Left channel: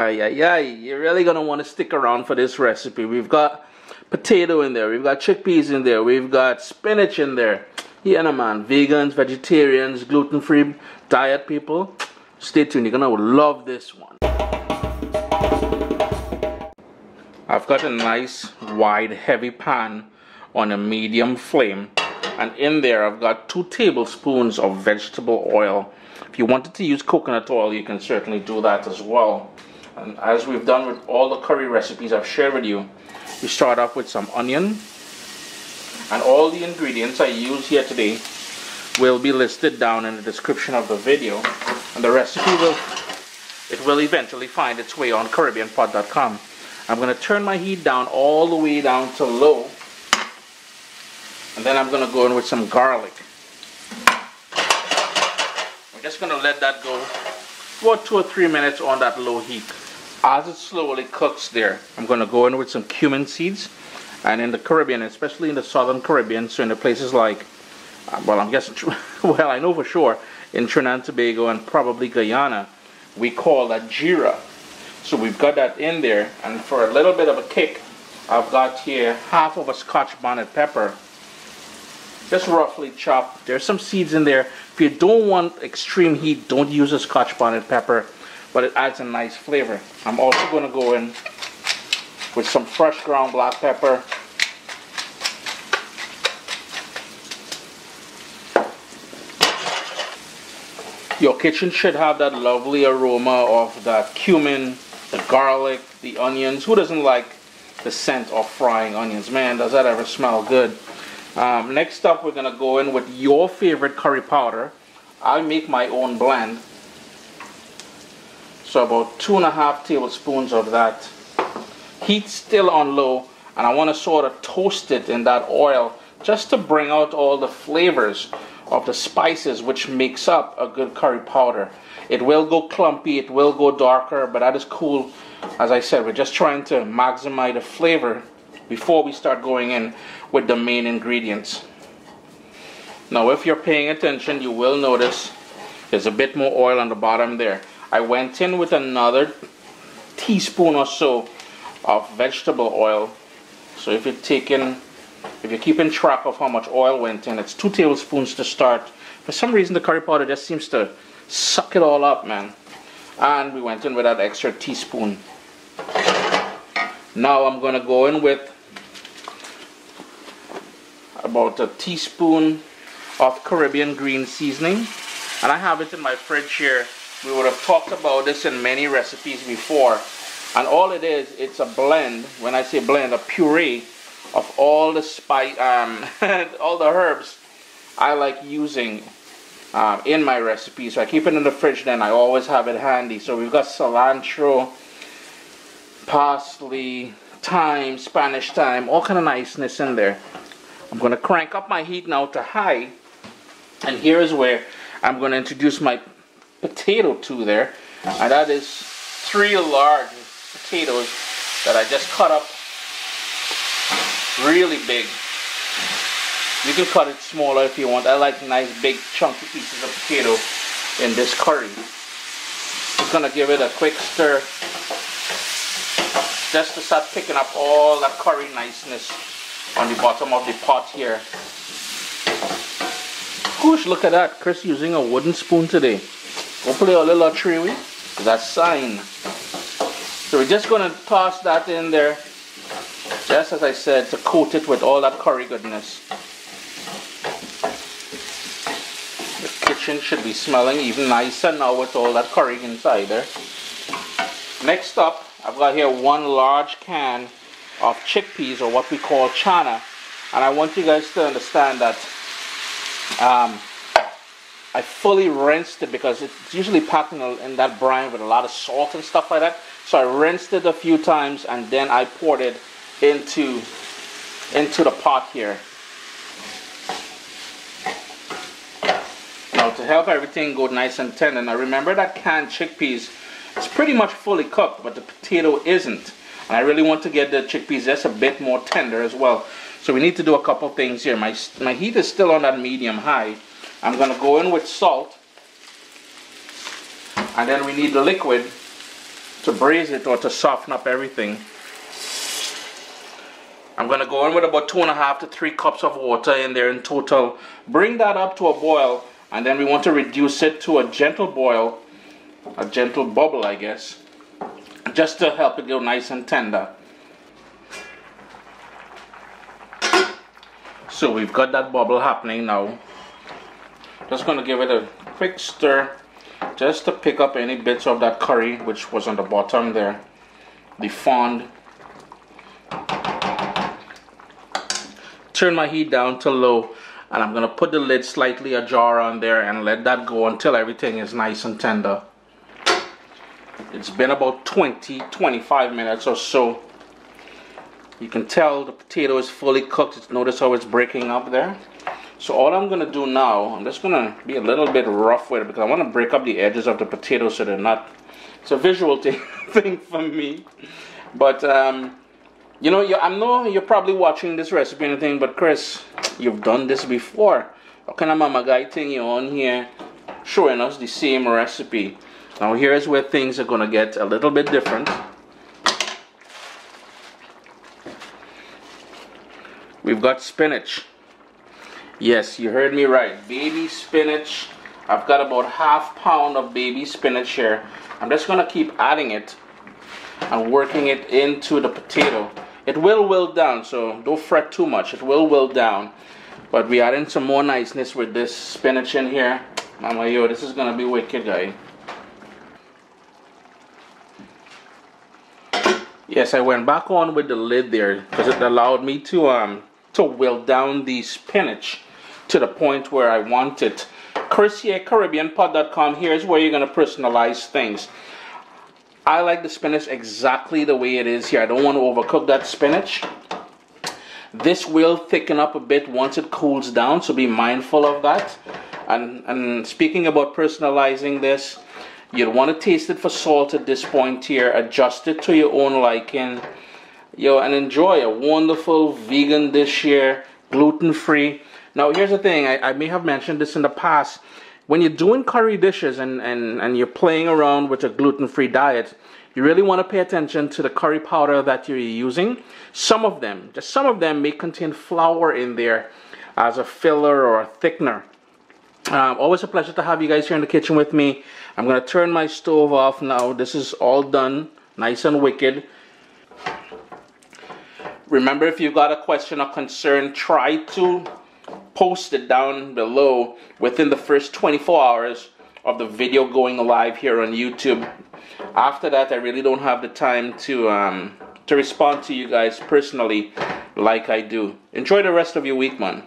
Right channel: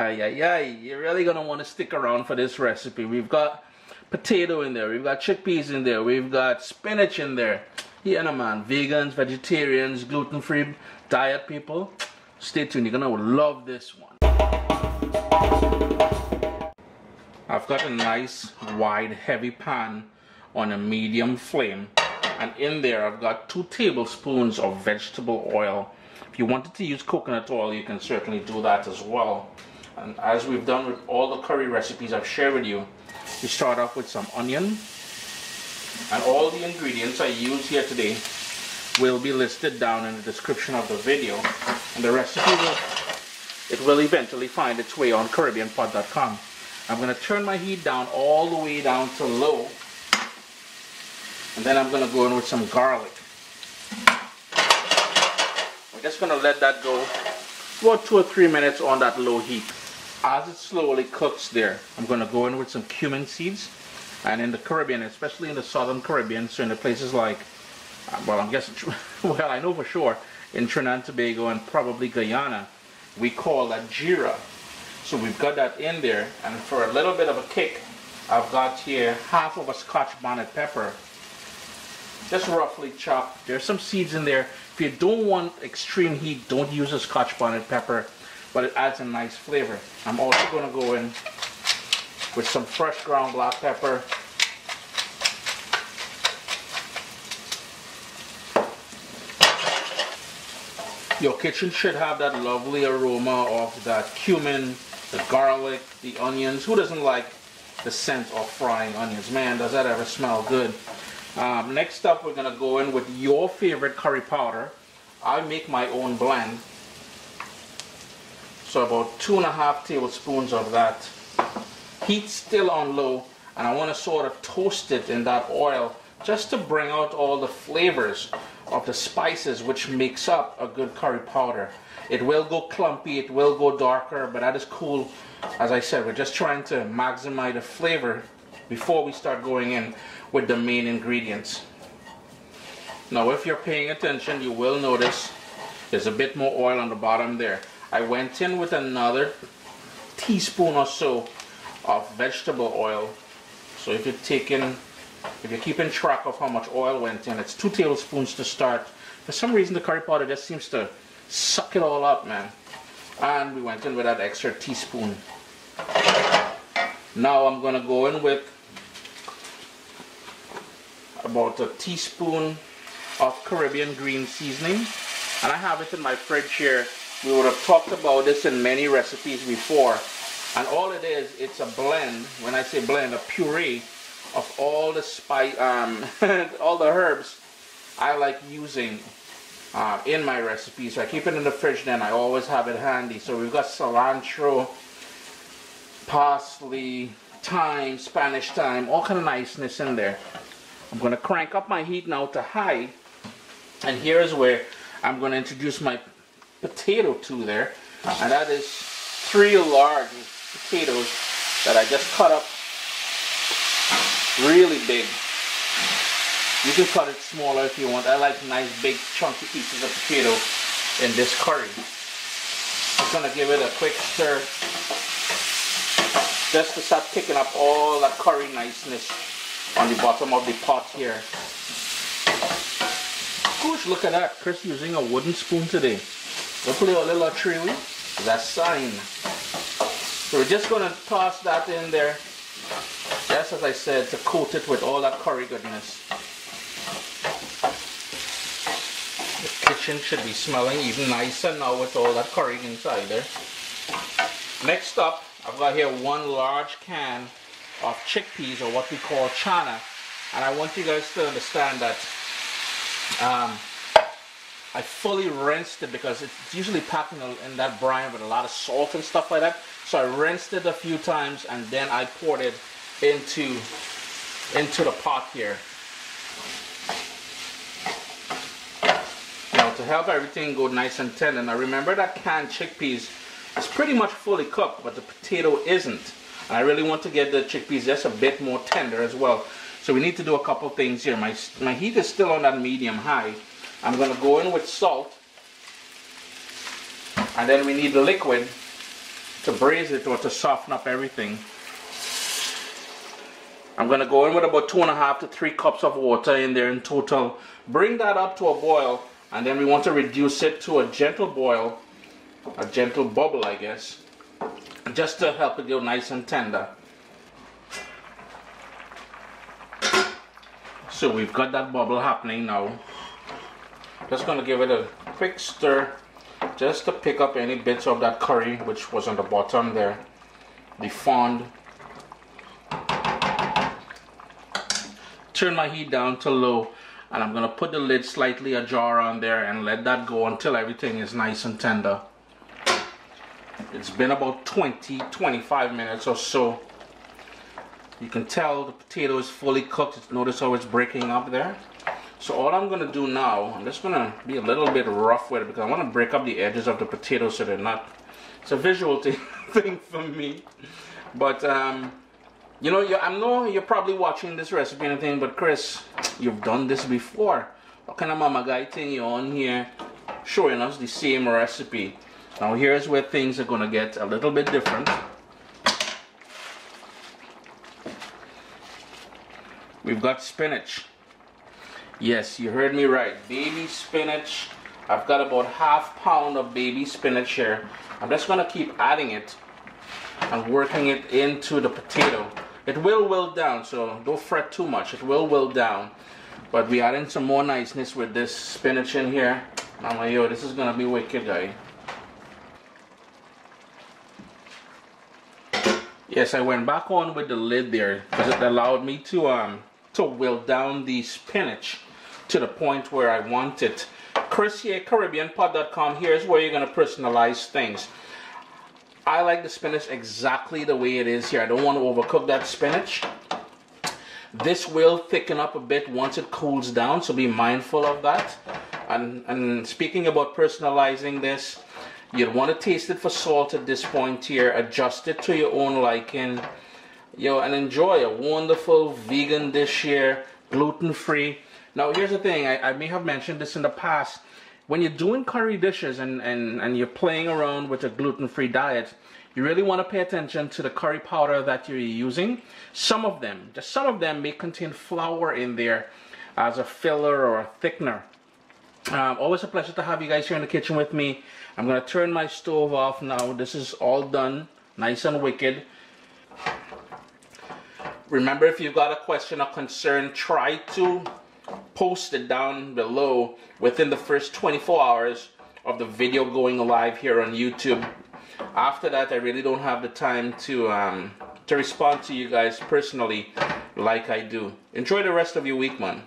Ay, ay, ay. You're really going to want to stick around for this recipe. We've got potato in there. We've got chickpeas in there. We've got spinach in there. Yeah, no, man. Vegans, vegetarians, gluten-free diet people. Stay tuned. You're going to love this one. I've got a nice, wide, heavy pan on a medium flame. And in there, I've got 2 tablespoons of vegetable oil. If you wanted to use coconut oil, you can certainly do that as well. And as we've done with all the curry recipes I've shared with you, we start off with some onion. And all the ingredients I use here today will be listed down in the description of the video. And the recipe will eventually find its way on caribbeanpot.com. I'm going to turn my heat down all the way down to low. And then I'm going to go in with some garlic. I'm just going to let that go for 2 or 3 minutes on that low heat. As it slowly cooks there, I'm going to go in with some cumin seeds. And in the Caribbean, especially in the southern Caribbean, so in the places like, well, I'm guessing, well, I know for sure, in Trinidad and Tobago and probably Guyana, we call that geera. So we've got that in there, and for a little bit of a kick, I've got here half of a scotch bonnet pepper, just roughly chopped. There's some seeds in there. If you don't want extreme heat, don't use a scotch bonnet pepper, but it adds a nice flavor. I'm also going to go in with some fresh ground black pepper. Your kitchen should have that lovely aroma of that cumin, the garlic, the onions. Who doesn't like the scent of frying onions? Man, does that ever smell good. Next up, we're going to go in with your favorite curry powder. I make my own blend. So about 2.5 tablespoons of that. Heat still on low, and I want to sort of toast it in that oil just to bring out all the flavors of the spices which makes up a good curry powder. It will go clumpy, it will go darker, but that is cool. As I said, we're just trying to maximize the flavor before we start going in with the main ingredients. Now, if you're paying attention, you will notice there's a bit more oil on the bottom there. I went in with another teaspoon or so of vegetable oil. So if you're keeping track of how much oil went in, it's 2 tablespoons to start. For some reason, the curry powder just seems to suck it all up, man. And we went in with that extra teaspoon. Now I'm going to go in with about a teaspoon of Caribbean green seasoning. And I have it in my fridge here. We would have talked about this in many recipes before. And all it is, it's a blend. When I say blend, a puree of all the all the herbs I like using in my recipes. So I keep it in the fridge, then I always have it handy. So we've got cilantro, parsley, thyme, Spanish thyme, all kind of niceness in there. I'm going to crank up my heat now to high. And here's where I'm going to introduce my potato to there. And that is 3 large potatoes that I just cut up really big. You can cut it smaller if you want. I like nice big chunky pieces of potato in this curry. Just gonna give it a quick stir just to start picking up all that curry niceness on the bottom of the pot here. Gosh, look at that. Chris using a wooden spoon today. Don't play a little tree with that sign. So we're just going to toss that in there, just as I said, to coat it with all that curry goodness. The kitchen should be smelling even nicer now with all that curry inside there. Next up, I've got here 1 large can of chickpeas, or what we call chana. And I want you guys to understand that I fully rinsed it because it's usually packed in that brine with a lot of salt and stuff like that. So I rinsed it a few times and then I poured it into the pot here. Now to help everything go nice and tender, now remember that canned chickpeas is pretty much fully cooked, but the potato isn't. And I really want to get the chickpeas just a bit more tender as well. So we need to do a couple things here. My heat is still on that medium high. I'm going to go in with salt. And then we need the liquid to braise it or to soften up everything. I'm going to go in with about 2.5 to 3 cups of water in there in total. Bring that up to a boil, and then we want to reduce it to a gentle boil, a gentle bubble, I guess, just to help it go nice and tender. So we've got that bubble happening now. Just going to give it a quick stir, just to pick up any bits of that curry which was on the bottom there, the fond. Turn my heat down to low, and I'm going to put the lid slightly ajar on there and let that go until everything is nice and tender. It's been about 20-25 minutes or so. You can tell the potato is fully cooked. Notice how it's breaking up there. So all I'm going to do now, I'm just going to be a little bit rough with it because I want to break up the edges of the potato so they're not, it's a visual thing for me. But you know, I know you're probably watching this recipe and everything, but Chris, you've done this before. How can a mama guy thing you on here showing us the same recipe? Now here's where things are going to get a little bit different. We've got spinach. Yes, you heard me right. Baby spinach. I've got about ½ pound of baby spinach here. I'm just going to keep adding it and working it into the potato. It will wilt down, so don't fret too much. It will wilt down. But we're adding some more niceness with this spinach in here. Mama, yo, this is going to be wicked, guy. Yes, I went back on with the lid there because it allowed me to wilt down the spinach to the point where I want it. Chris here, caribbeanpot.com. Here's where you're going to personalize things. I like the spinach exactly the way it is here. I don't want to overcook that spinach. This will thicken up a bit once it cools down, so be mindful of that. And speaking about personalizing this, you'd want to taste it for salt at this point here. Adjust it to your own liking. And enjoy a wonderful vegan dish here, gluten-free. Now here's the thing, I may have mentioned this in the past. When you're doing curry dishes and you're playing around with a gluten-free diet, you really want to pay attention to the curry powder that you're using. Some of them, just some of them, may contain flour in there as a filler or a thickener. Always a pleasure to have you guys here in the kitchen with me. I'm going to turn my stove off now. This is all done, nice and wicked. Remember, if you've got a question or concern, try to post it down below within the first 24 hours of the video going live here on YouTube. After that, I really don't have the time to respond to you guys personally like I do. Enjoy the rest of your week, man.